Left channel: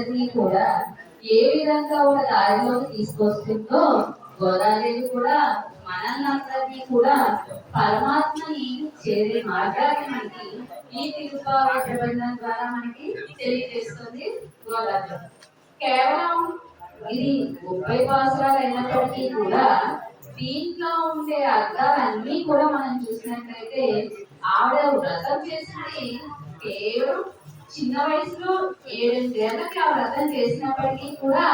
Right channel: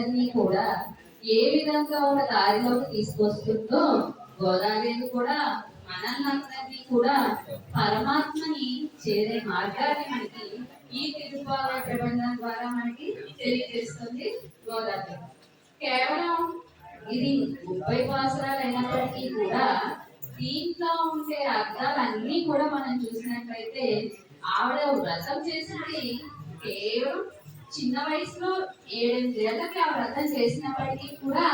అందరినీ కూడా ఏ విధంగా ఒక దారిలోకి తీసుకొస్తుందో గోదాదేవి కూడా మనల్ని అందరినీ కూడా పరమాత్మని చేరే మార్గాన్ని మనకి ఈ తిరుపావై ప్రబంధం ద్వారా మనకి తెలియజేస్తుంది గోదాదేవి. కేవలం ఇది 30 పాసురాలు అయినప్పటికీ కూడా దీంట్లో ఉండే అర్థాలన్నీ కూడా మనం చూసినట్లయితే ఆవిడ వ్రతం చేసింది కేవలం చిన్న వయసులో 7 ఏళ్ళకి ఆ వ్రతం చేసినప్పటికీ కూడా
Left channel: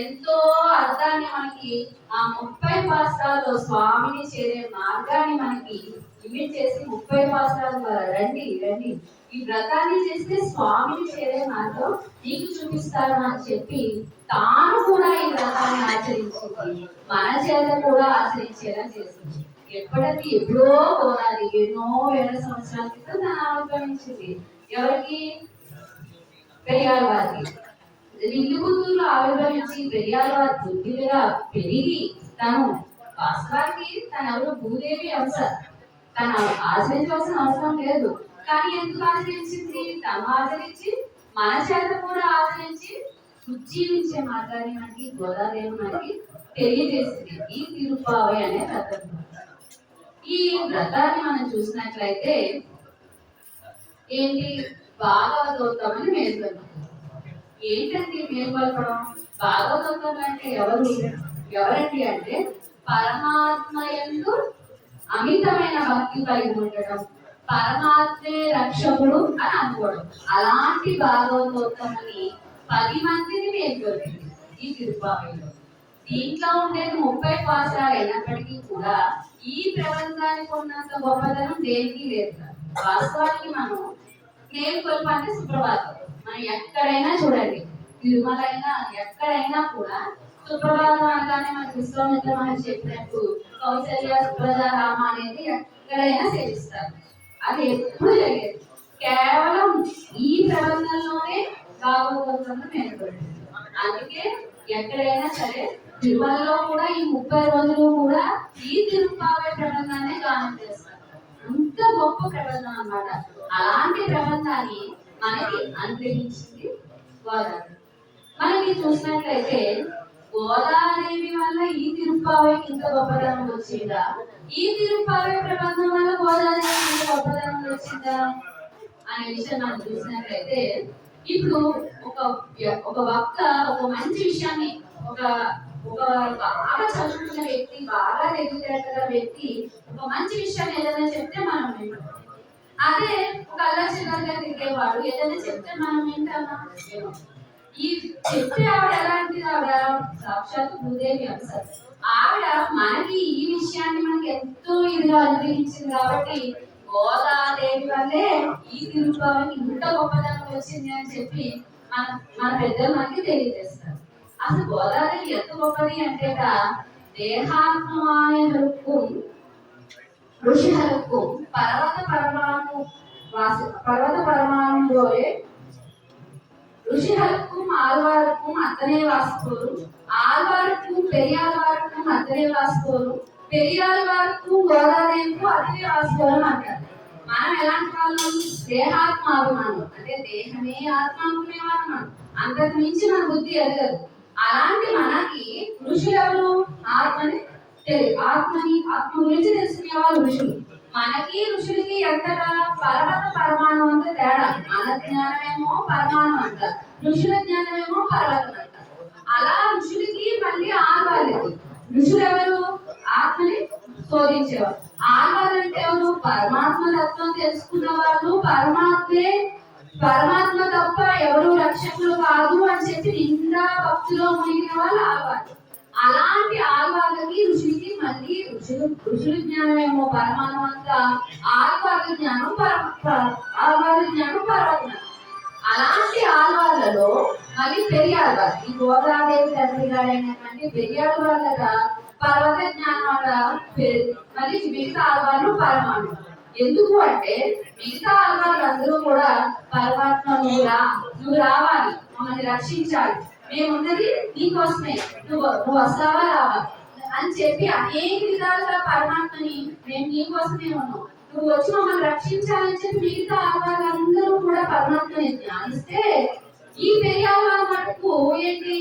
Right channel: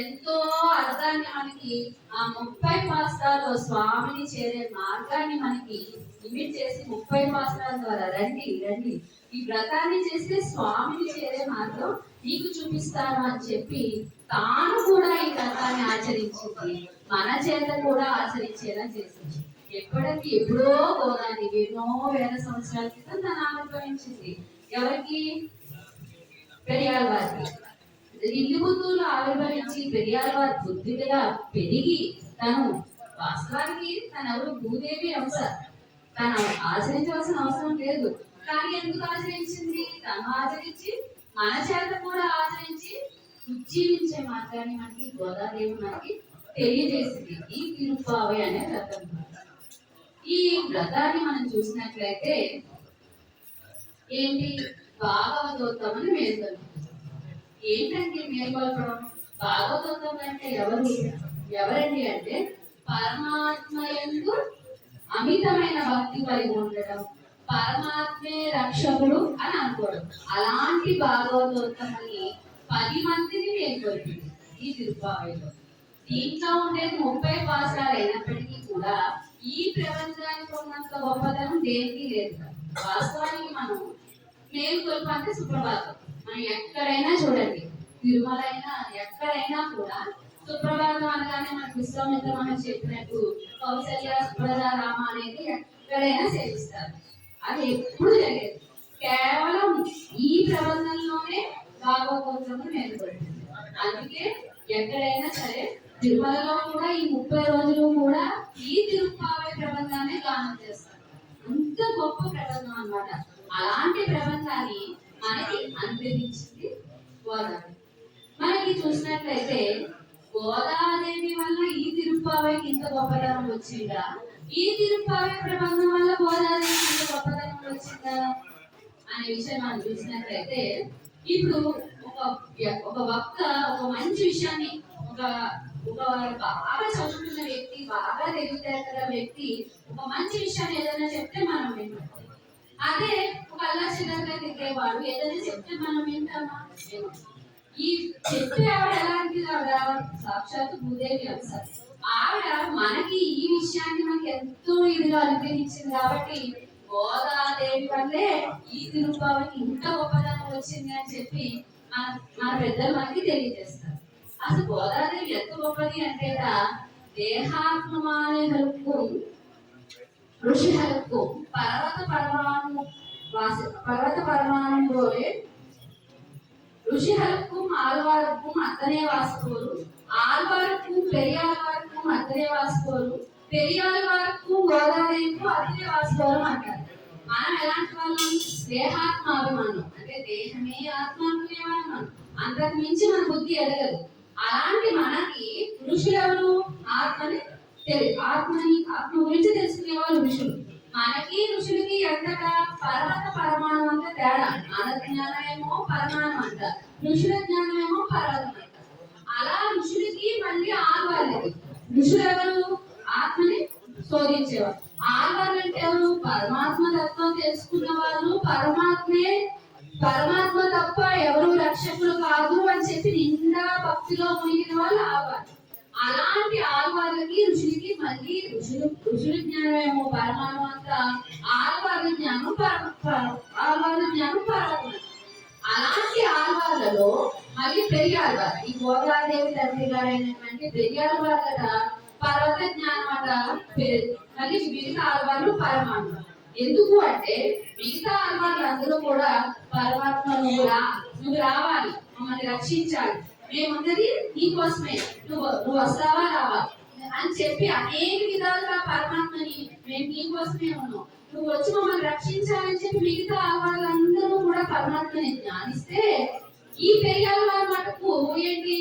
ఎంతో అర్థాన్ని మనకి ఆ 30 పాసురాల్లో స్వామిని చేరే మార్గాన్ని మనకి ఇమిట్ చేసి 30 పాసురాల ద్వారా రండి రండి ఈ వ్రతాన్ని చేస్తే స్వామిని చేరే మార్గం నీకు చూపిస్తాను అని చెప్పి తాను కూడా ఈ వ్రతాన్ని ఆచరించింది, మన చేత కూడా ఆచరించేలా చేసింది. ఎప్పుడో గోదాది ఎన్నో వేల సంవత్సరాల క్రితం తను ఆవిర్భవించింది. ఎవరికి? పెరియాల వారికి. విల్లుబుద్ధుల్లో ఆవిర్భవించి పెరియాల వారి బుద్ధి మీద పెరిగి తను వాస్తవానికి తన ఎవరు భూదేవి అంశ, తను ఆచరించవలసిన అవసరం లేదు. కానీ ఎందుకు ఆచరించింది? తను ఆచరించి మన చేత కూడా ఆచరించి ఉజ్జీవించే మార్గాన్ని మనకి గోదాదేవి మనకి తెలియజేసింది ఈ తిరుపావై అనే వ్రతం. ఈ వ్రతాన్ని మనం చూసినట్లయితే ఏంటి? భాగవతోత్తం అని మేల్కొల్పడం. ఏంటంటే మేల్కొల్పడం? భాగవతోత్తం అంటే ఎవరండి అంటే పరమాత్మ యందు అమితమైన భక్తి కలిగి ఉండటం, పరమాత్మే రక్షకుడు అని అనుకోవడం. అలాంటి భాగవతోత్తమని 10 మందిని మేల్కొల్పింది ఈ తిరుపావైలో. దీంట్లో ఉండేది 30 పాసురాలు అయినప్పటికీ కూడా ఈ ప్రబంధానికి ఉన్నంత గొప్పతనం దేనికి లేదు. వాస్తవానికి మనం మేల్కొల్ప అంటే సుప్రభాతం. మనం ఎక్కడైనా చూడండి, తిరుమల అయినా ఎక్కడైనా కూడా సుప్రభాతం అనగానే మనకు విశ్వామిత్ర మహర్షి చెప్పినట్టు కౌశల్య సుప్రజ రామ అనేది ఎక్కడైనా సేవిస్తారు. అది ఎప్పుడు జరిగేది కేవలం ఈ ప్రబంధంలోనే భాగవతంలో మేల్కొల్పింది. అందుకే ఎక్కడైనా సరే తిరుమలలో కూడా ఈ 30 రోజులు కూడా ఈ తిరుపావై ప్రబంధాన్ని గానం చేస్తారు. అంత గొప్ప ప్రబంధం అన్నమాట. అలాంటి ప్రబంధాన్ని మనకి అనుగ్రహించింది గోదావరి. మనకి చూసినట్లయితే గోదాదేవి వల్ల ఈ తిరుపావైకి ఇంత గొప్పతనం వచ్చిందా? ఈ తిరుపావై ప్రబంధం వల్ల గోదాదేవి ఇంత గొప్పతనం వచ్చిందా అనే విషయం మనం చూసినట్లయితే, ఇప్పుడు ఒక వక్త ఒక మంచి విషయాన్ని ఒక బాగా చదువుకున్న వ్యక్తి, బాగా తెలివితేటల వ్యక్తి ఒక మంచి విషయాన్ని ఏదైనా చెప్తే మనం వింటాం. అదే ఒక అల్లచిల్లరగా తిరిగేవాడు ఏదైనా చెప్తే మనం వింటామా? ఈ చెప్పే ఆవిడ ఎలాంటిది? ఆవిడ సాక్షాత్ భూదేవి అంశ. ఆవిడ మనకి ఈ విషయాన్ని మనకి ఎంతో ఇదిగా అనుగ్రహించింది. కాబట్టి గోదాదేవి వల్లే ఈ తిరుపావైకి ఇంత గొప్పతనం వచ్చింది అని చెప్పి మన పెద్దలు మనకి తెలియజేస్తారు. అసలు గోదాదేవి ఎంత గొప్పది అంటే దేహాత్మాయహలుக்கும் ఋషిహలుக்கும் పర్వత పరమాణులోనే ఋషిహలుக்கும் ఆళ్వారుக்கும் అతనే వాసుకోరు, ఆళ్వారుக்கும் పెరియాళ్వారుக்கும் అతనే వాసుకోరు, పెరియాళ్వారుக்கும் గోదాదేవికు అతనే వాసుకోరు అంటారు. మనం ఎలాంటి వాళ్ళం? దేహాత్మాభిమానం, అంటే దేహమే ఆత్మాభిమానం, అంతకు మించి మన బుద్ధి ఎదగదు. అలాంటి మనకి ఋషులు ఎవరు? ఆత్మ గురించి తెలుసుకునే వాళ్ళు ఋషులు. మనకి ఋషులకి ఎంతగా పర్వత పరమాణం అంత తేడా. మన జ్ఞానమేమో పరమాణం అంట, ఋషుల జ్ఞానమేమో పర్వతం అంట. అలా ఋషులకి మళ్ళీ ఆల్వాళ్ళకి. ఋషులు ఎవరు? ఆత్మని శోధించేవారు. ఆల్వాళ్ళు అంటే ఎవరు? పరమాత్మ తత్వం తెలుసుకున్న వాళ్ళు, పరమాత్మ తప్ప ఎవరు రక్షకులు కాదు అని చెప్పి నిండా భక్తిలో మునిగిన వాళ్ళు ఆల్వాళ్ళు. అలాంటి ఆల్వాళ్ళకి ఋషులకి మళ్ళీ ఋషుల జ్ఞానమేమో పరమాణం అంతా, ఆల్వాళ్ళ జ్ఞానం పర్వతం. అలాంటి ఆల్వాళ్ళలో మళ్ళీ పెరియాళ్వారు, ఈ గోదాదేవి తండ్రి గారైనటువంటి పెరియాళ్వాళ్ళ పర్వత జ్ఞానం అట. మళ్ళీ మిగతా ఆల్వాళ్ళు పరమాణు. ఎందుకు అంటే మిగతా ఆల్వాళ్ళు అందరూ కూడా పరమాత్మ నువ్వు రావాలి, మమ్మల్ని రక్షించాలి, మేమున్నది నీకోసమే, నువ్వు వస్తావా రావా అని చెప్పి అనేక విధాలుగా పరమాత్మని మేము నీకోసమే ఉన్నాం, నువ్వు వచ్చి మమ్మల్ని రక్షించాలని చెప్పి మిగతా వాళ్ళందరూ కూడా పరమాత్మని ధ్యానిస్తే, ఈ పెరియాళ్వారు నువ్వు ఏంటి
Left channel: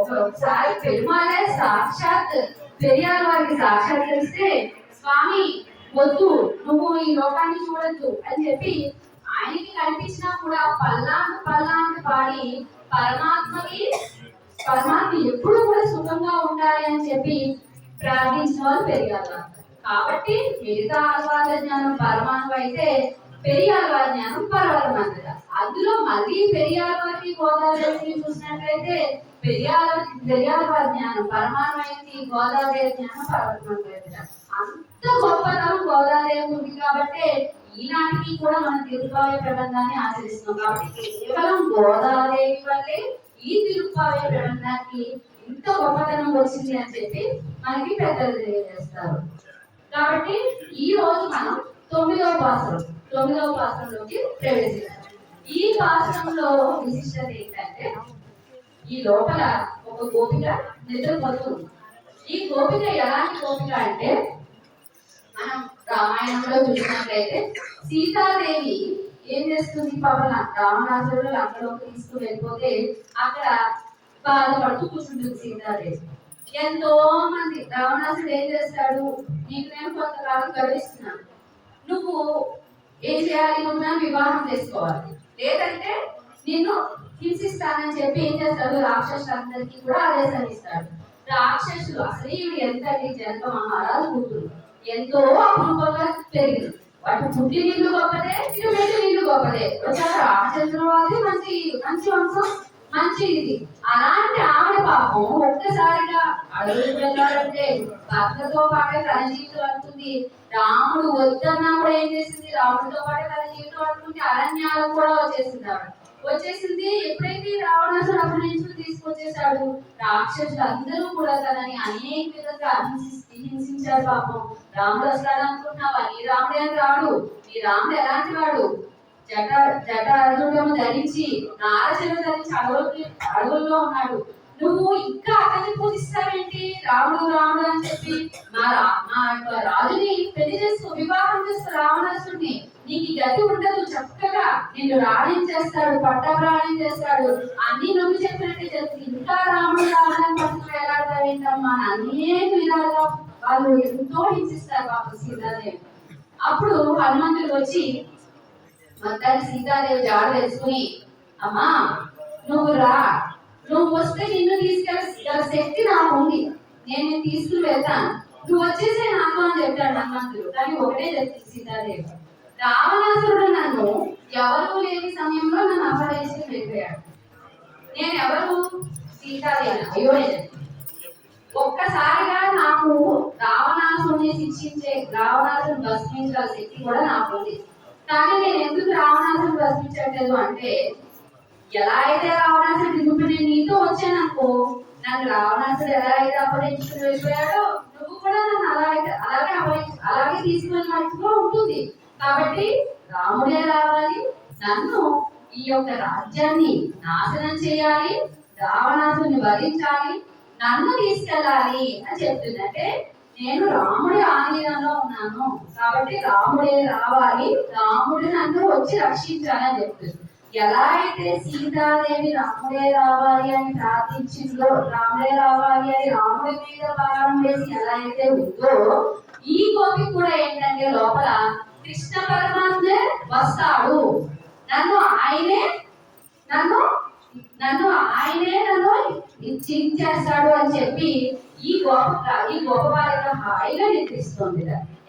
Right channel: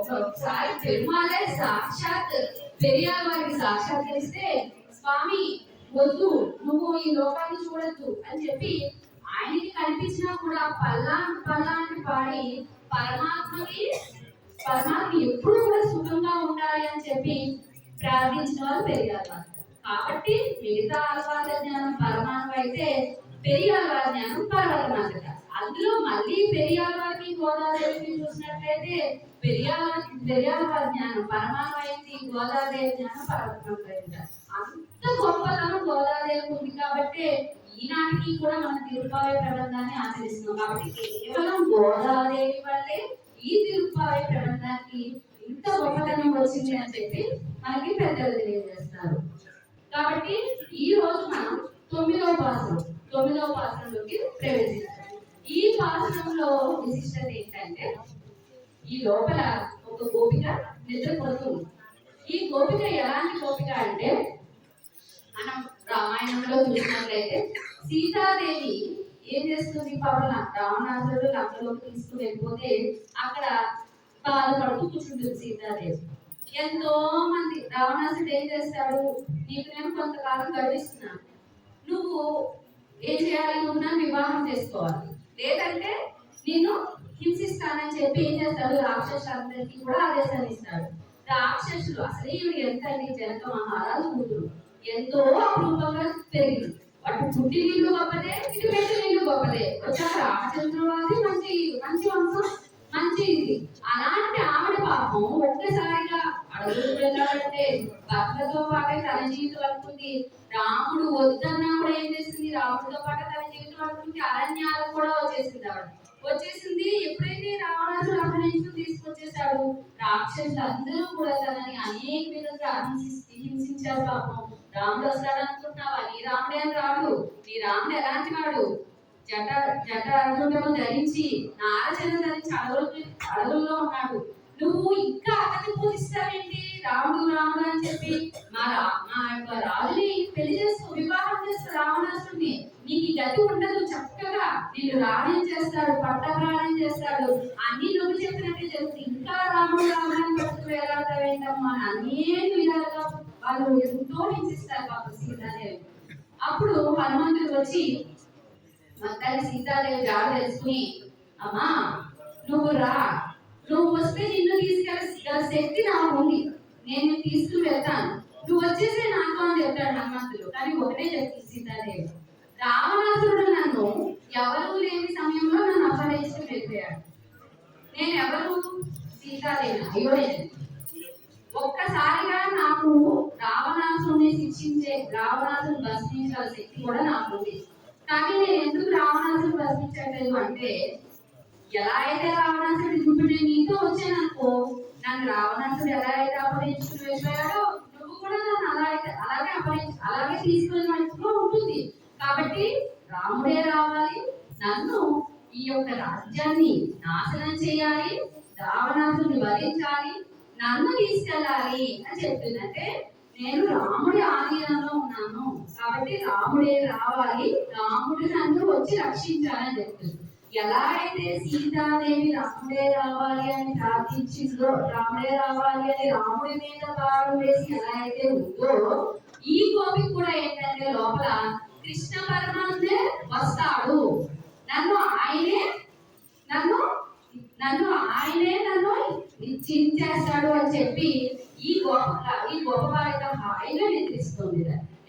ఒకసారి పెరుమాళే సాక్షాత్ పెరియార్ వారికి సాక్షాత్కరిస్తే స్వామి వద్దు, నువ్వు ఈ లోకాన్ని చూడొద్దు అని చెప్పి ఆయనకి కనిపించినా కూడా పల్లాన్ని పాడి పరమాత్మ ఎప్పుడు కూడా సుఖంగా ఉండాలి అని చెప్పి ప్రార్థించిన వాళ్ళు పెరియార్. కాబట్టి మిగతా ఆళ్వార్ల జ్ఞానం పరమాణు అయితే పెరియాళ్వారి జ్ఞానం పర్వతమంతట. అందులో మళ్ళీ పెరియాళ్వారికి గోదాదేవిని చూసినట్లయితే పెరియాళ్వారి జ్ఞానం పరమాణమైంది, గోదాదేవి జ్ఞానం పర్వతమంతట. అంత గొప్పతనం గోదాదేవి ఉంది కాబట్టి ఈనాటికి కూడా మనం తిరుప్పావై ప్రబంధాన్ని ఆచరిస్తున్నాం. కాబట్టి కేవలం గోదాదేవి వల్లే ఈ తిరుప్పావై ప్రబంధానికి ఇంత గొప్పతనం వచ్చింది అని చెప్పి మనకి పెద్దలు తెలియజేస్తారు. కాబట్టి ఈ రోజు మనం 9వ పాసరంలోకి ప్రవేశిస్తాం. ఈ పాసరంలో విశిష్టత ఏంటంటే ఈ లోపల ఒక గోపిక నిద్రపోతుంది. ఈ గోపిక ఎలాంటి గోపిక అంటే మనం రామాయణంలో చూసినట్లయితే సీతాదేవి ఏం చేస్తుంది, పవన రావణాసురుడు లంకలోకి తీసుకుని వెళ్ళిపోతే అక్కడ బాధపడుతూ కూర్చుంటుంది సీతాదేవి. ఎంతో మంది రావణాసుడు ఏం చేస్తాడు, నీకు నేను కొంతకాలం గడిస్తున్నాను, నువ్వు ఏం చేయాలి, నువ్వు నన్ను వివాహం చేసుకోవాలి, లేదంటే నిన్ను హింసిస్తానని చెప్పి ఏం చేస్తాడు, రాక్షసులందరికీ కూడా ఆదేశాన్ని ఇస్తాడు. రాక్షసులు అసలు ఇవి ఎంత జనక మహారాజు కూతురు ఎంతో అపరూపంగా పెరిగింది. వాటి పుట్టి నీళ్లు గొప్పదే, ఇటు మెట్టి నీళ్లు గొప్పదే. వచ్చారు రామచంద్రవాది మంచి మంచి వంశం, మంచి ఇది. అలాంటి ఆవిడ పాపం ఒక్కసారిగా అడవులు వెళ్ళాలంటే భర్తతో పాటే తన జీవితం అనుకుంది. రాముడు వద్దన్నా కూడా ఏం చేసింది, రాముడితో పాటే తన జీవితం అనుకుంది. అరణ్యాలకు కూడా వచ్చేసింది. ఎప్పుడైతే రావణాసుడు అక్కడి నుంచి తీసుకొచ్చేసాడు, రాక్షసులు అందరూ కూడా తనని అనేక విధంగా హింసించారు. పాపం రాముడు వస్తాడు అనుకుంటున్నావా, నీ రాముడే అని రాడు. నీ రాముడు ఎలాంటి వాడు, జటాజుటము ధరించి నారచన ధరించి అడవుల్లో ఉన్నాడు. నువ్వు ఇంకా అతన్ని పూజిస్తావేంటి, రాముడు రాముడు అని చెప్పి మా యొక్క రాజుని పెళ్లి చేసుకో, వివాహం చేసుకో రావణాసుడిని, నీకు ఈ గతి ఉండదు, చక్కగా నిన్ను రాణించేస్తాడు, పట్టప్రాణం చేస్తాడు, అన్ని నువ్వు చెప్పినట్టే చేస్తుంది. ఇంకా రాముడు రావడానికి పట్టుకు వేలాడతావేంటమ్మా, అనేక విధాలుగా వాళ్ళు ఎంతో హింసిస్తారు పాపం సీతాదేవి. అప్పుడు హనుమంతుడు వచ్చి మొత్తాన్ని సీతాదేవి జాడ తెలుసుకుని, అమ్మా నువ్వు రా, నువ్వు వస్తే నిన్ను తీసుకెళ్ళ శక్తి నాకు ఉంది, నేను తీసుకుని వెళ్తాను, నువ్వు వచ్చేసే నాతో అని చెప్పాడు హనుమంతుడు. కానీ ఒకటే చెప్పింది సీతాదేవి, రావణాసురుడు నన్ను ఎవరు లేని సమయంలో నన్ను అపహరించి వెళ్ళిపోయాడు. నేను ఎవరు, సీతాదేవి అయోధ్య. ఒక్కసారిగా నాకు రావణాసురుని శిక్షించే, రావణాసురుని భస్మించాల శక్తి కూడా నాకు ఉంది. కానీ నేను ఎందుకు రావణాసురుని భస్మించట్లేదు అంటే, ఎలా అయితే రావణాసుడు ఇప్పుడు నేను నీతో వచ్చాను అనుకో, నన్ను రావణాసుడు ఎలా అయితే అపహరించుకుని వెళ్ళిపోయాడో నువ్వు కూడా నన్ను అలాగే తీసుకుని మట్టులో ఉంటుంది. కాబట్టి రాముడే రావాలి, నన్ను ఈ యొక్క రాజ్యాన్ని నాశనం చేయాలి, రావణాసుని వధించాలి, నన్ను తీసుకెళ్ళాలి అని చెప్తుంది. అంటే నేను రాముడి ఆధీనంలో ఉన్నాను కాబట్టి రాముడే రావాలి, రాముడు నన్ను వచ్చి రక్షించాలి అని చెప్తుంది. ఎలా అయితే సీతాదేవి రాముడే రావాలి అని ప్రార్థించిందో, రాముడే రావాలి అని రాముడి మీద భారం వేసి ఎలా అయితే ఉందో, ఈ గోపి కూడా ఏంటంటే లోపల కృష్ణ పరమాత్మే వస్తాడు, నన్ను ఆయనే చించేస్తాడు అని చెప్పి ఈ గోప బాలిక హాయిగా నిద్రిస్తుంది.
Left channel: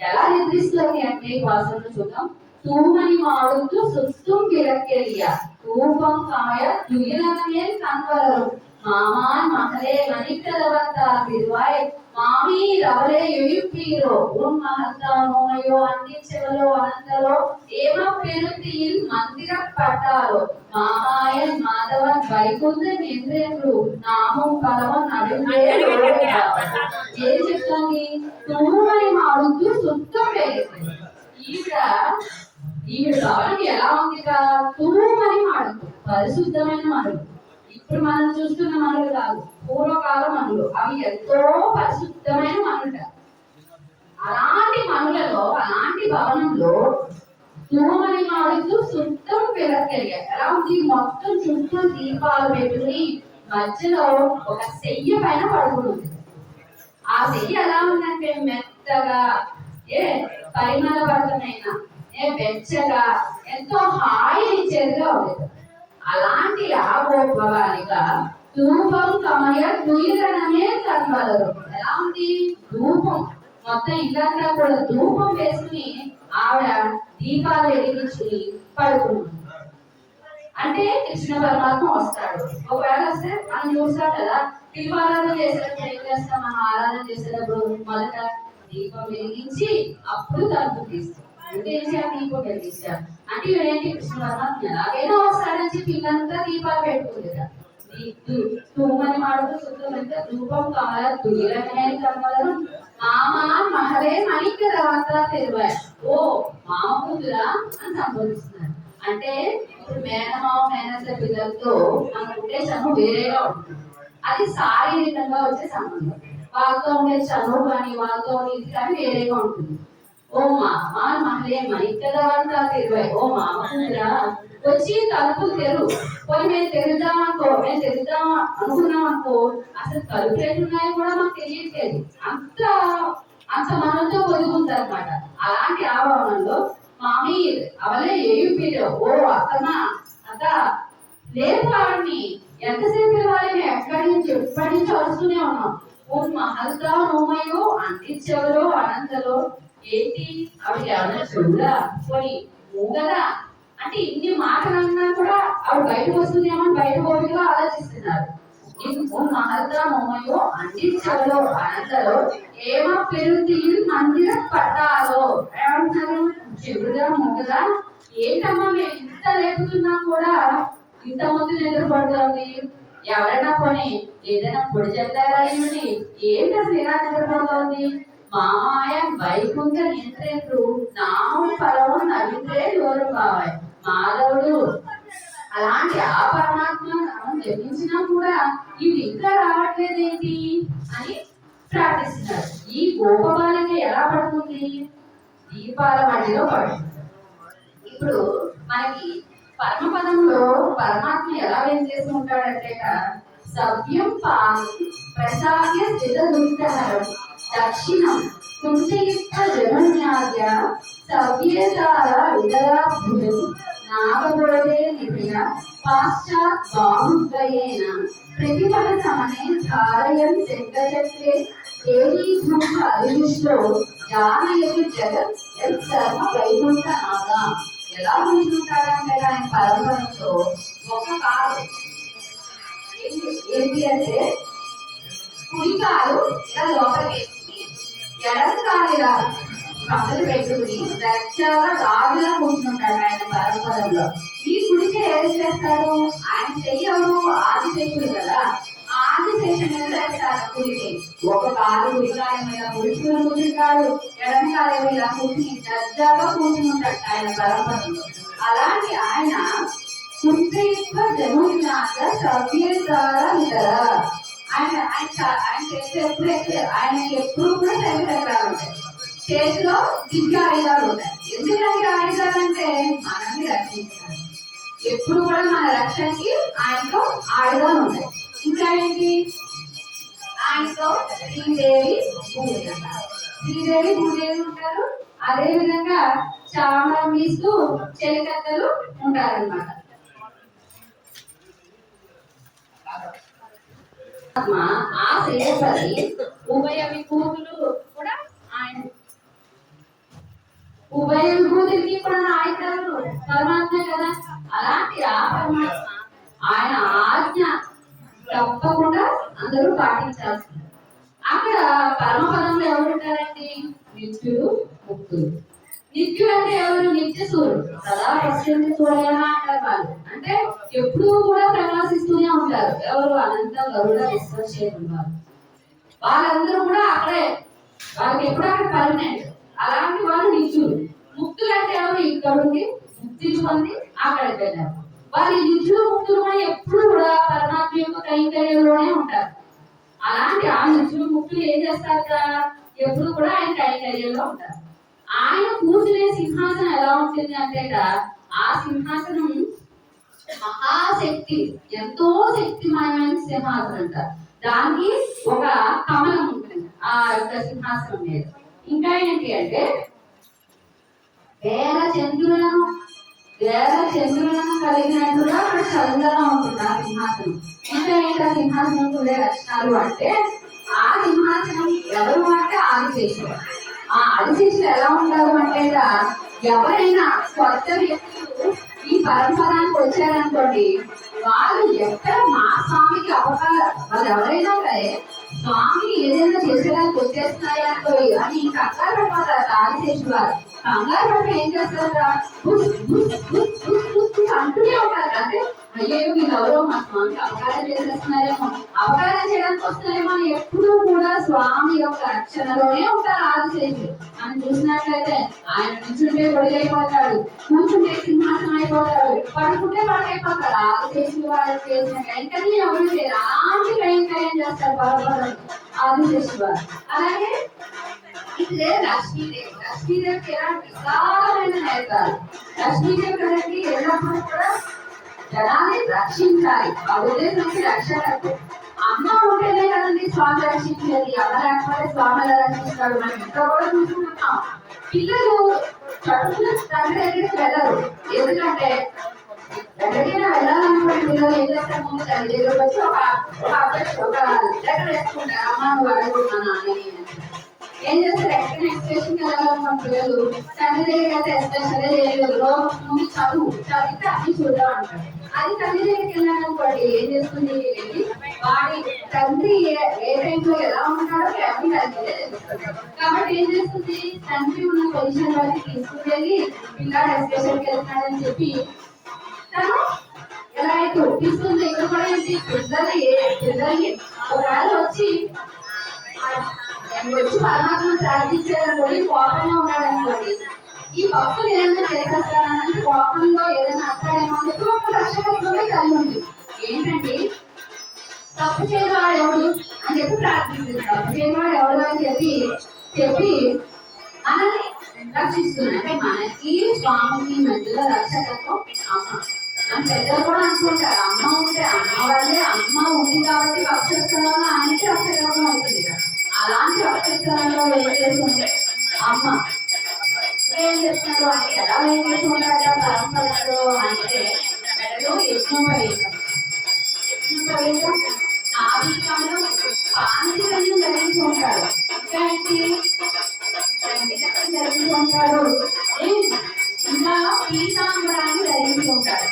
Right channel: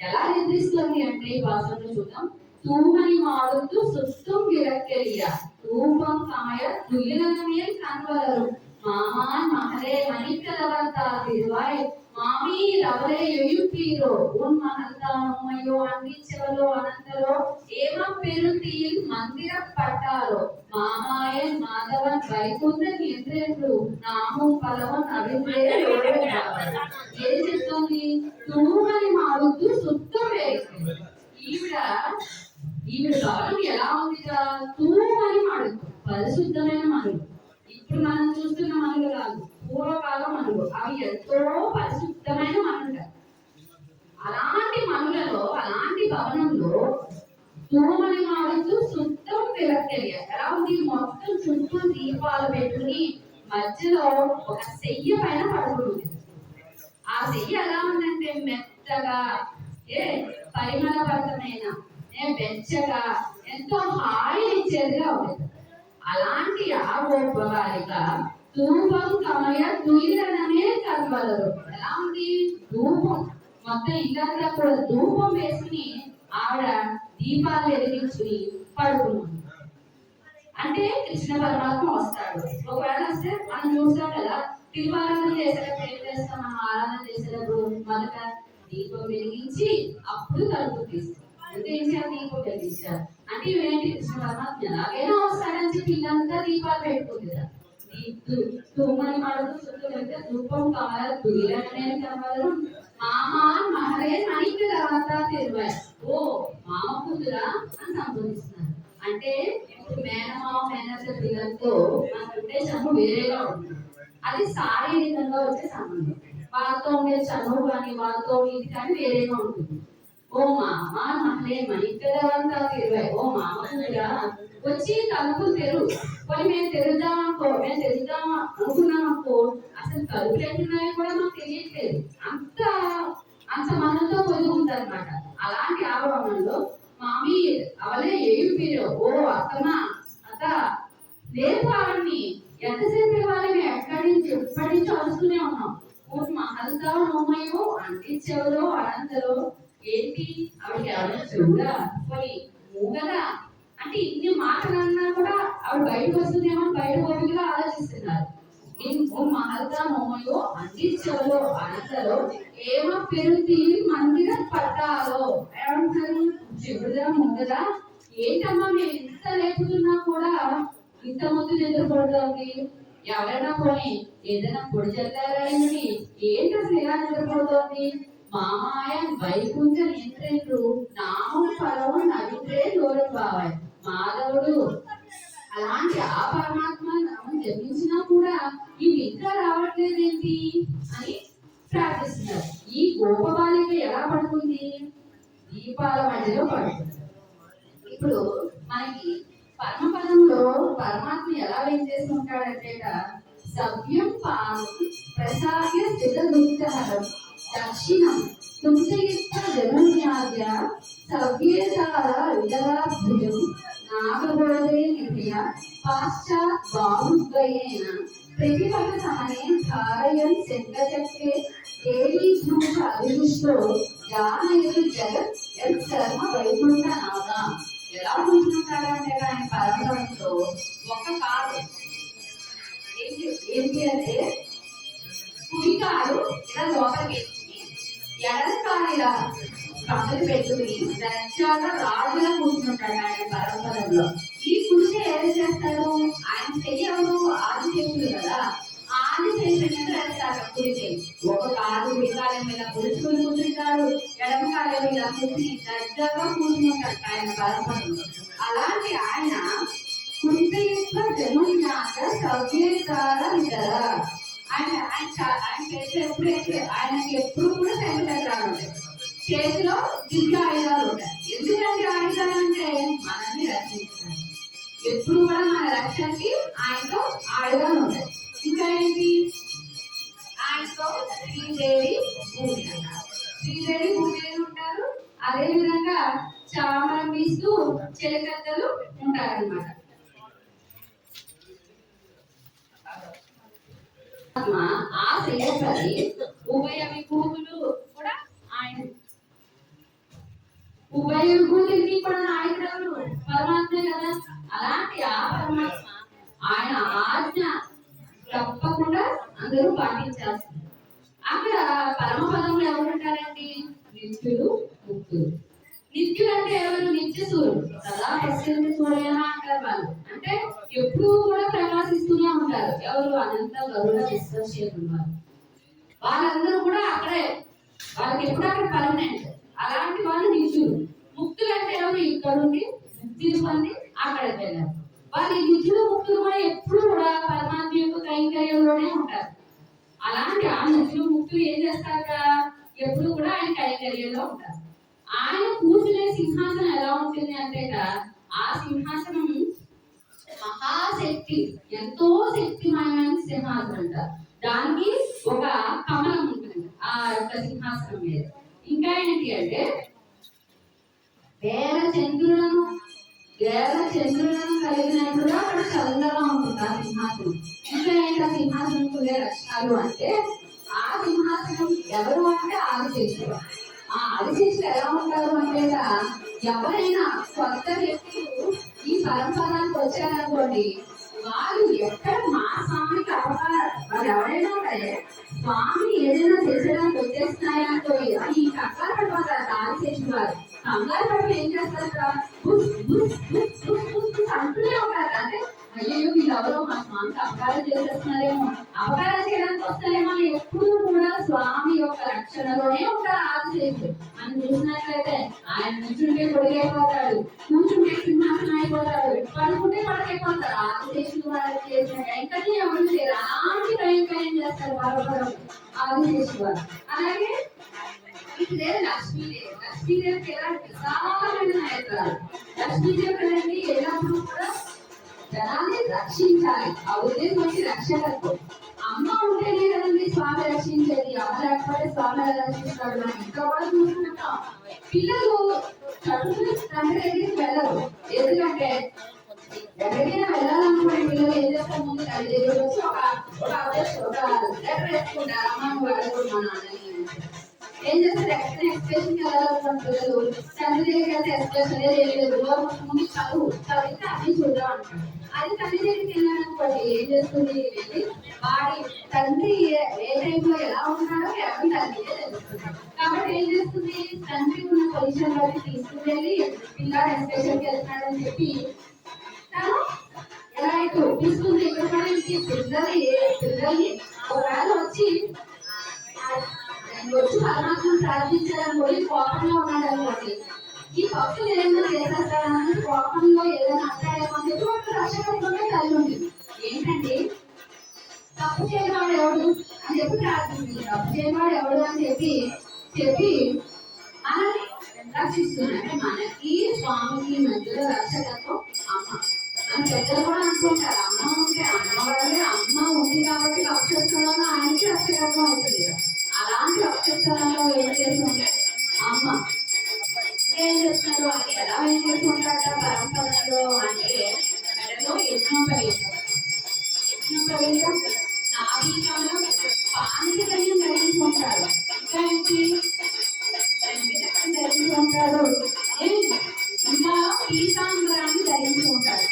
ఎలా నిద్రిస్తుంది అంటే ఈ భాషలో చూద్దాం. தூமணி மாடுத்து சுத்தும் விளக்கெரிய தூபம் கமய துயிலமையில் கண்வளரும் மாமான் மகளே மணிக்கதவத்தார் திருவாய் மாமி ரவலே எழுப்பீரோ உன் மகத்தானோயோ அன்னிச்சவலோ அனந்தலோ ஏம பெருத்தியில் மந்திரப்பட்டாரோ மாமாயன் மாதவன் வைகுந்தன் என்றென்று நாமும் பலவன் நடுவே ఏం చెప్తుంది, తూమని మాడుతూ సుత్తం వేస్తుంది. ఈవిడ కావాలంటే ఎలా ఉంది కదా, తూమని మడుగు, పరిశుద్ధమైన మడుగు. ఇప్పుడు మనం చూస్తున్న మనులు కాదు, పూర్వకాల మనులు, అవి ఎంతో పరిశుద్ధమైన మనుట. అలాంటి మనులలో, అలాంటి భవనంలో తూమని మాడుతూ శుద్ధం వెలకెలియ ఎలా ఉంది, మొత్తం చుట్టూ దీపాలు పెట్టుకుని మధ్యలో ఒక సెయ్య పైన పడుకుని ఆ సెయ్యి ఎలా ఉందంటే మెత్తగా పరిమళభరితమైన వెచ్చగా ఎంతో హాయి ఇచ్చేదిగా ఉంది. అలాంటి ఆ గోపవారిగా ధూపం కమయ తుయిలనమే కనబడరు. ఎలా ఉంది ధూపం మొత్తం ఇల్లంతా కూడా ధూపం వేసుకుని ఆవిడ దీపాలు వెలిగించుకుని పడుకున్నాం. అంటే కృష్ణ పరమాత్మ వస్తాడు. ఒకవేళ వస్తే మనం చూస్తాం కదా, దీపారాధన చేసేటప్పుడు ఏం చేస్తాం, మనం ఆరాధన చేసేటప్పుడు మొదట దీపం వెలిగించి అప్పుడు తలుపు తీస్తాం. అంటే ఏం చేయాలి, దీపం వెలిగించాలి. అంటే ఇవేంటి కృష్ణ పరమాత్మ ఎలాగైనా వస్తాడని చెప్పి ఇల్లంతా దీపాలు పెట్టుకుంది కదా. తూమని మాడుతూ శుద్ధమంటే ధూపం కమల తుయిలనమే కమలరు మామా మహరే మణిక తర్వాత తెరువాయి. ఓ మామ కూతురా అని సంబోధిస్తున్నారు. అంటే ఇప్పుడు మేనమామ మేనస పిల్లలతో మనకు ఉండే చనువు వేరేగా ఉంటుంది. అది శారీరకంగా వచ్చే సంబంధం. వాళ్ళతో ఉండే చనువు కానీ వాళ్ళతో ఇది కానీ వేరేగా ఉంటుంది. ఓ మామ మహరే మణిక తర్వాత తెరువాయి. ఓ మామ కూతురా వచ్చి తలుపులు తెరు. పోయి మేము తెరుద్దాం అనుకున్నాం అనుకో, అసలు తలుపులు ఎట్లున్నాయో కూడా మాకు తెలియట్లేదు. అంత మనతో ఒదుగుంటారు అనమాట. అలాంటి ఆభరణంలో మామీ అవలే ఏయుపీలో ఓ అత్తమా అత్త లేదు ఆవిడ్ని ఎంతసేపు వాళ్ళని ఎప్పటి నుంచి వస్తూనే ఉన్నాం. ఓ మహల్దా నోమయో అంటించెవరో అనంతలో ఏంటి ఆవిడ ఎవరైనా చూడా పోయి మూగదా అంటే ఇన్ని మాటలన్నా కూడా ఆవిడ బయటకు వస్తుందేమో బయట పోటీగా ఆలోచిస్తున్నారు. మహల్దా నోమయో అంటించెవరో అనంతలో ఏమో పెరుగు మందిర పట్టాలో ఏమంటున్నారు, చెవుదా మూగదా ఏంటమ్మా మేము ఇంత రేపుతున్నా కూడా ఇంత ముందు నిద్రపడుతోంది. ఎవరైనా కొని ఏదైనా పొడి చెప్తారేమిటి, ఏంటి అసలు ఎలా నిద్రపడుతోంది. మామాయ వైకుంఠ నియంత్రేంద్రు నామం పరము నవింద్రే దూరం బావాయి మాధవుడు. అలాంటి ఆ పరమాత్మ నామం జపించినా కూడా ఇవి ఇంకా రావట్లేదేంటి అని ప్రార్థిస్తున్నారు. ఈ గోపబాలిక ఎలా పడుతుంది, దీపాల మధ్యలో పడుతుంది. ఇప్పుడు మనకి పరమపదంలో పరమాత్మ ఎలా ఏం చేస్తూ ఉంటాడంటే సవ్యం ప్రసాద్య స్థిత దుఃఖహరం దక్షిణం కుంచయిత్వ జనున్యాద్య సవ్యేతార విదరాభుజం నాగబోధే నిభయ పాశ్చాత్ బాహుద్వయేన ప్రతిపద సమనే ధారయన్ శంఖచక్రే ఏకీభూత అభినిష్టో జానయతు జగత్ యత్ శర్మ వైకుంఠ నాద. ఎలా కూర్చుంటాడంటే ఆయన పరమపదంతో ఒక కాలు ఏంటి అంటే కుడి కాలు ఇలా లోపలికి వేసుకుని ఎడమ కాలు ఇలా పక్కన పెట్టుకుని దర్జాగా రాజులా కూర్చుంటాడు ఆయన పరమపదంలో. ఈ కుడికి ఏం చేస్తారు, ఆయన చెయ్యవు ఆదిశేషుడు కదా, ఆదిశేషుడు మీద వేస్తారు కుడికి. ఒక కాలు కుడికాలం మీద పురుషుడు కూర్చుంటాడు, ఎడమ కాలం మీద కూర్చుని దర్జాగా కూర్చుంటాడు ఆయన పరమపదంలో. అలాంటి ఆయన కుంచయిత్వ జనున్యాస సవ్యేతార విదర. ఆయన చేస్తే ఎప్పుడైతే ఆయనకి ఎప్పుడు కూడా తెలివితేటలు ఉంటాయి, చేతిలో దివ్య ఆయుధాలు ఉంటాయి. ఎందుకంటే ఆయుధాలు అంటే మనల్ని రక్షించాలి. ఎప్పుడు కూడా మన రక్షణకి ఆయనతో ఆయుధాలు ఉంటాయి. ఇంకా ఏంటి, ఆయనతో శ్రీదేవి భూదేవి ఉంటారు. అదే విధంగా చామరం వీస్తూ చెలికత్తలు ఉంటారన్నమాట. ఆ శ్రేయపతి ఉభయ విభూతులు కూడా ఆయన, ఉభయ విభూతులకి కూడా నాయకుడు పరమాత్మే కదా. అలాంటి ఆ పరమాత్మ ఆయన ఆజ్ఞ తప్పకుండా అందరూ పాటించాల్సింది. అక్కడ పరమపదంలో ఎవరు ఉంటారండి, నిత్యుడు ముక్తుడు. నిత్యుడు అంటే ఎవరు, నిత్య సూర్యుడు సదా పశ్చిమ సూర్యనా అంటారు వాళ్ళు. అంటే ఎప్పుడూ కూడా ప్రకాశిస్తూనే ఉంటారు. ఎవరు, అనంత గరుడ విశ్వక్షేత్రులు వాళ్ళు. వాళ్ళందరూ కూడా అక్కడే, వాళ్ళకి ఎప్పుడు అక్కడ పర్మనెంట్. అలాంటి వాళ్ళు నిత్యుడు. ముక్తులు అంటే ఎవరు, ఇక్కడుండి ముక్తిని పొంది అక్కడికి వెళ్ళారు. వాళ్ళు నిత్యుడు ముక్తులు కూడా ఎప్పుడు కూడా పరమాత్మ యొక్క కైంకర్యంలోనే ఉంటారు. అలాంటి ఆ నిత్యుడు ముక్తులు ఏం చేస్తారట, ఎప్పుడు కూడా ఆయన కైంకర్యంలో ఉంటారు. ఆయన కూర్చునే సింహాసనం ఎలా ఉంటుంది అంటే ఆ సింహాసనం మహాశక్తి, ఎంతో శక్తిమయమైన సింహాసనం అంటారు. దానికి ఒక కమలం ఉంటుంది ఆ యొక్క సింహాసనం మీద. ఇంకా ఏంటి అంటే వేల చంద్రులను కలిగినట్టుగా అక్కడ చల్లగా ఉంటుంది ఆ సింహాసనం. ఇంకా ఏంటి ఆ సింహాసనం ఉండే లక్షణాలు అంటే ఆ సింహాసనం ఎవరు అంటే ఆదిశేషుడు. ఆ ఆదిశేషుడు ఎలా ఉంటారు అంటే ఎవరైనా కొత్త వ్యక్తులు ఈ పరంపరానికి వచ్చారనుకోండి, వాళ్ళు ఎక్కడ మా స్వామికి అపకారం, వాళ్ళు ఎవరైనా సరే స్వామి ఏదైనా చేసేదానికి వచ్చేస్తున్నాయనుకో అని కంగారు పడిపోతారు ఆదిశేషుడు వారు. కంగారు పడిపోయి ఏం చేస్తారా, అంటూనే ఉంటారు. అంటే అయ్యో వీళ్ళు ఎవరో మా స్వామికి అపకారం చేసేస్తున్నారేమో, అపకారం చేయడానికి వస్తున్నారేమో అని ఎప్పుడూ కూడా స్వామి యొక్క రక్షణలోనే ఉంటారు ఆదిశేషుడు. మనం చూసినట్లయితే ఆయన నుంచుంటే పొడిగైపోతాడు, కూర్చుంటే సింహాసనం అయిపోతాడు, పడుకుంటే పడకైపోతాడు. ఆదిశేషుడు వారు చేసిన వెంటనే ఎవరు చేయరు, అలాంటి కైంకర్యం చేస్తారు బాధపడదు ఆదిశేషుడు వారు. అలాగే ఇదే లక్ష్మీదేవికి ఎలాంటి విశాలమైన నేత్రాలు. లక్ష్మీదేవి కదండి ఎల్లప్పుడూ కూడా జనాన్ని రక్షించాలి, ఆ ఉద్దేశంకి రక్షణకు. అమ్మ ఉంటేనే కదండి స్వామి రక్షించేది, అమ్మ లేకపోతే స్వామి ఎలా రక్షిస్తాడు. మనం ఇంట్లో కూడా చూసుకుంటున్నాం, పిల్లలు చదువుకున్న తండ్రి దగ్గరికి వెళ్ళరు. ఎందుకంటే ఎక్కడికైనా వెళ్ళాలనుకోండి పిల్లలు ఏం చేస్తారు, ముందు తల్లి దగ్గరకు వచ్చి ఒక లెటర్ వేసుకుంటారు, అమ్మ నువ్వు అడుగుతున్నాను అని. ఏం చేస్తారు, ఎక్కడైనా ఎక్స్ప్రెషన్కి వెళ్ళాలనుకోండి పిల్లలు తండ్రి దగ్గరికి అయితే ఎక్స్ప్రెషన్ చేయలేదు, ముందు చదివితే అన్ని చూద్దాం అంటారు. అది తల్లి దగ్గరికి వెళ్ళాలనుకోండి ఏం చేస్తుంది, వెళ్ళి వాడి తండ్రి ఏ టైంలో ఎలా ఉంటాడో ఎవరి తల్లి. కాబట్టి ఏం చేస్తుంది, తండ్రి ఉన్న పొజిషన్ వరకు తీసుకువెళ్ళి పిల్లాడు ఎక్స్ప్రెషన్కి వెళ్తున్నాడని చెప్పి తను ఎలా అయితే ఒప్పిస్తుంది. ఇక్కడ కూడా ఏంటి, పిల్లల్ని ఒకవేళ వచ్చి పరమాత్మను ప్రార్థించారనుకోండి, కోపంగా ఉన్నాడు అనుకోండి, ఈ భక్తులు ఏదైనా చేసేస్తారని కోపంలో ఏదైనా అంటాడేమో అని చెప్పి ఒక రక్షకత్వమే కలిగి ఉంది. ఏంటంటే తప్పు చేయవాడు ఎవడు అని చెప్పి ప్రార్థిస్తుంది, తప్పు చేయవాడు ఎవడు అని చెప్పి మనల్ని రక్షిస్తుంది. అంటే మనకి స్వామికి మధ్యలో రక్షకత్వం అమ్మ. మన పెద్దలు కూడా అనుకుంటారు, అమ్మ ఉంటే అమ్మ వల్లే, అమ్మ ఉంది కాబట్టి రక్షిస్తున్నాము, ఆయనకి రక్షకత్వం అవుతుంది. అలాంటి రక్షిస్తున్నలో ఏం చేస్తుంది అమ్మ. ఏం చేస్తున్నారు అంటే ఎలా ఏం చేస్తుంటారట పరంపరలో అంటే యజ్ఞం నాభీకంలో పాండితులను ధరించి ఉంటాడు. ఇంకా ఏంటి ధరించి ఉంటాడు, ఇంకా పీతాంబరాన్ని ధరించి ఉంటాడు.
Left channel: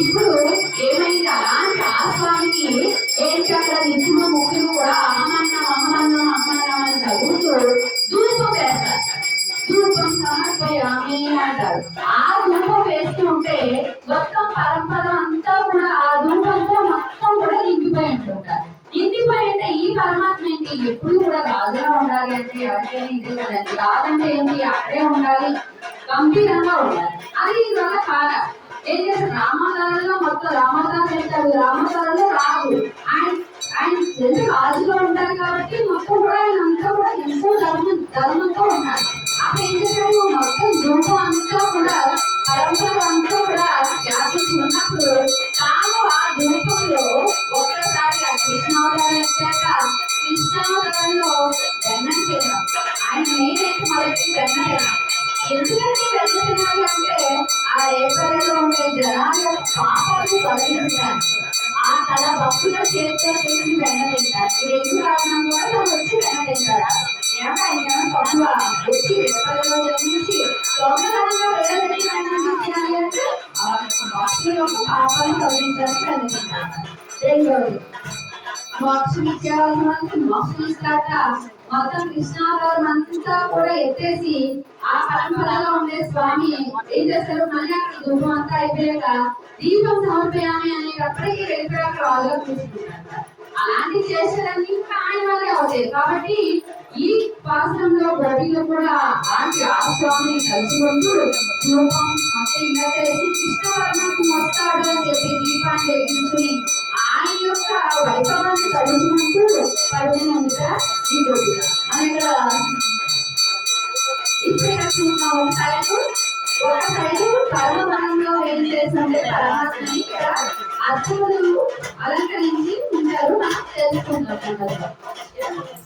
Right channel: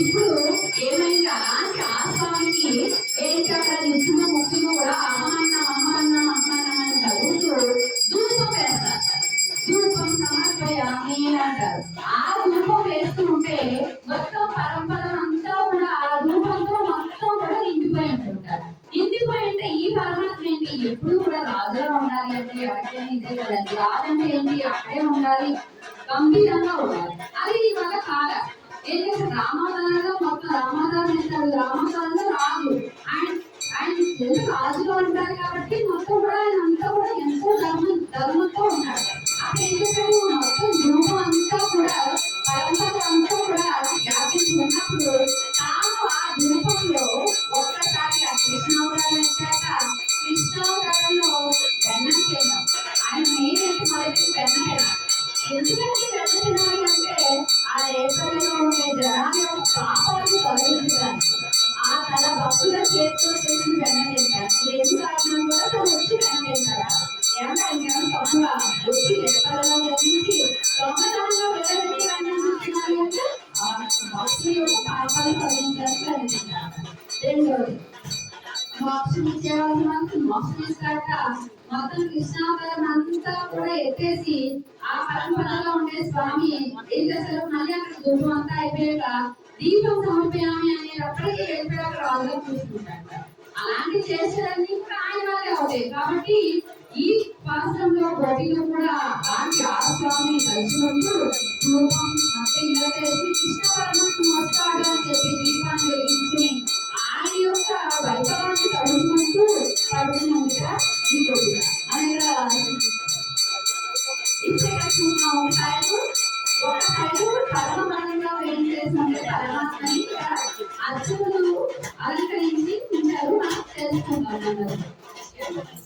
ఇప్పుడు ఏమైంది, అలాంటి ఆ స్వామికి ఏంటి అక్కడ నిత్యము ముఖ్యము కూడా అహమన్నం అని చదువుతూ ధూపం వేస్తారు. ధూపం సమర్పయామి అంటారు. ఆ ధూపం వేస్తుంటే మొత్తం పరంపర అంతా కూడా ఆ ధూపంతో మొత్తం కూడా నిండిపోయి ఉంటుంటారు. నిండిపోయి అంటే ఈ పరమాత్మ ఏంటి, ఎప్పుడు కూడా రాజుగా ఉండాలి అంటే ఎవరికైనా ఇదే కదండి. రాజంటే ఏంటి, అక్కడే ఉండాలి, గంభీరంగా ఉండాలి. అది ఇవాళ కాదా ఏం చేస్తారు, రామాదారంలో మొత్తం రామాదారం వెళ్తాడు, రామాదారంలో రాదు. ఆయన రాజులో ఉంటారు కాబట్టి మొత్తం కూడా ఆయన అంతా కూడా ఎంతో ధర్మంతో ఉన్నాడు. అప్పుడు ఏం చేశాడు, మొత్తం ధూపం అంతా కూడా పరంపర అంతా కూడా వ్యాపించి ఉన్నప్పుడు తాను ఆ ధూపంలో ఒక్కసారి ఆ కృష్ణావతారం వచ్చాక కృష్ణావతారంలో వెన్నం తిన్నాం. ఆయన మెయిన్ అయితే మొదటి వెన్న తిన్నాం. ఎందుకంటే వెన్న తినాలి అంటే ఆ రేపల్లో ఉండే జనాల పాపాలను తొలగించడానికి, ఆ తన భక్తుల చేతితో చేసి వెన్న తింటారు. ఈ రెండు కారణం వల్ల వచ్చి వెన్న తింటారా, ఏమంటే ఆయన తక్కువ వచ్చి రేపల్లో జన్మించి దొంగతనంగా వెళ్ళబెట్టి వెన్న తినాలి అంటే ఆ భక్తుల యొక్క పాపాలను తొలగించడానికి వెన్న తింటారు. రెండోది మోక్షం ఇచ్చేవాళ్ళు మనకి మోక్షం ఇస్తాట. మొత్తం కృష్ణావతారం అంతా కూడా ఎత్తేసి ఆ పరంపరలో ఉండే స్వామి ఏం చేశారు, మళ్ళీ అక్కడ ధూపం అంతా అయిపోయాక దీపం సమర్పయామి అనేటప్పటికీ వెళ్ళిపోయాక రాజుగా చూసుకుంటారు. అలాంటి చేసేదాన్ని ఇంకా ఆయన వాళ్ళే అవుతాయి. కాబట్టి ఈ పాత్రంలో గోపిలో కూడా అలాంటి ఆ స్వామిని తలుచుకుంటూ ధూపం మొత్తం ఇలా తెలిసి కృష్ణ పరమాత్మ వస్తాడు అని చెప్పి దీపాన్ని వెలిగించుకుని ఆయన యొక్క వైభవాన్ని తలుచుకుంటూ పడుతున్నందుక ఈ గోపిక అని ఇక్కడ ఇప్పుడు ఇక్కడ చూస్తున్నాం. ఒక సైడు పరమపదంలో ఏం చేస్తుంటే అని ఇక్కడ అర్థములు అలంకరించి ఉంటారు మనం తెలుసుకుంటాం నెమ్మదిగా.